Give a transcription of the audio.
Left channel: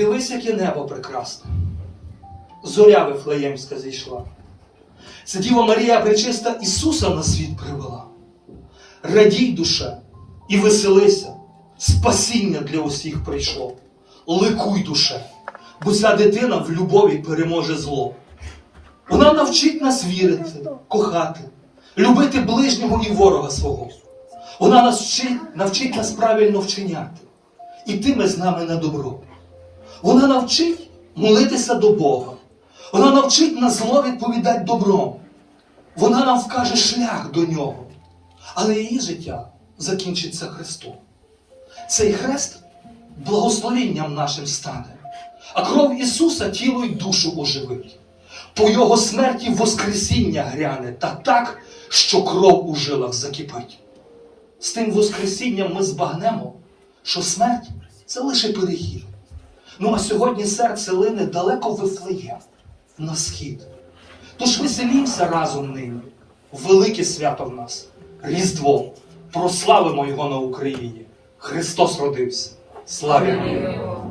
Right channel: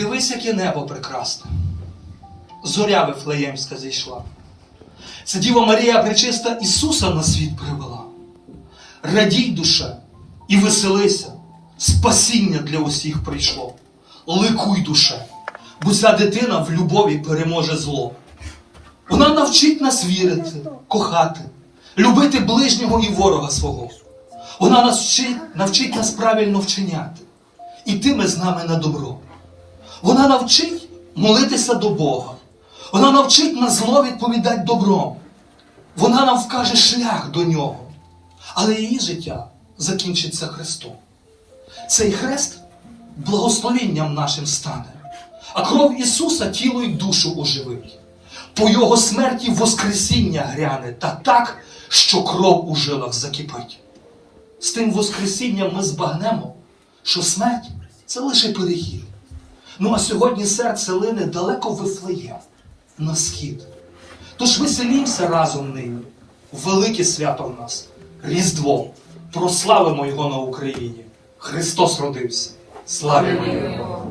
Дивись, яке небо прекрасне. Зоря Вифлеємська зійшла. Це Діва Марія Пречиста Ісуса на світ привела. Радій душе і веселися, спасіння для усіх прийшло. Ликуй душе, бо ця дитина в любові переможе зло. Вона навчить нас вірити, кохати, любити ближнього і ворога свого. Вона нас вчить, навчить нас правильно вчиняти, ітиме з нами на добро. Вона навчить молитися до Бога. Вона навчить на зло відповідати добром. Вона нам вкаже шлях до нього. Але її життя закінчиться Христом. Цей хрест благословенням нашим стане, а кров Ісуса тіло й душу оживить. По Його смерті Воскресіння гряне та так, що кров у жилах закипить. З тим Воскресінням ми збагнемо, що смерть це лише перехід. Ну а сьогодні серце лине далеко вифлеє на схід. Тож веселімся разом нині. Велике свято в нас, Різдво. Прославимо його на Україні. Христос родився. Слава його!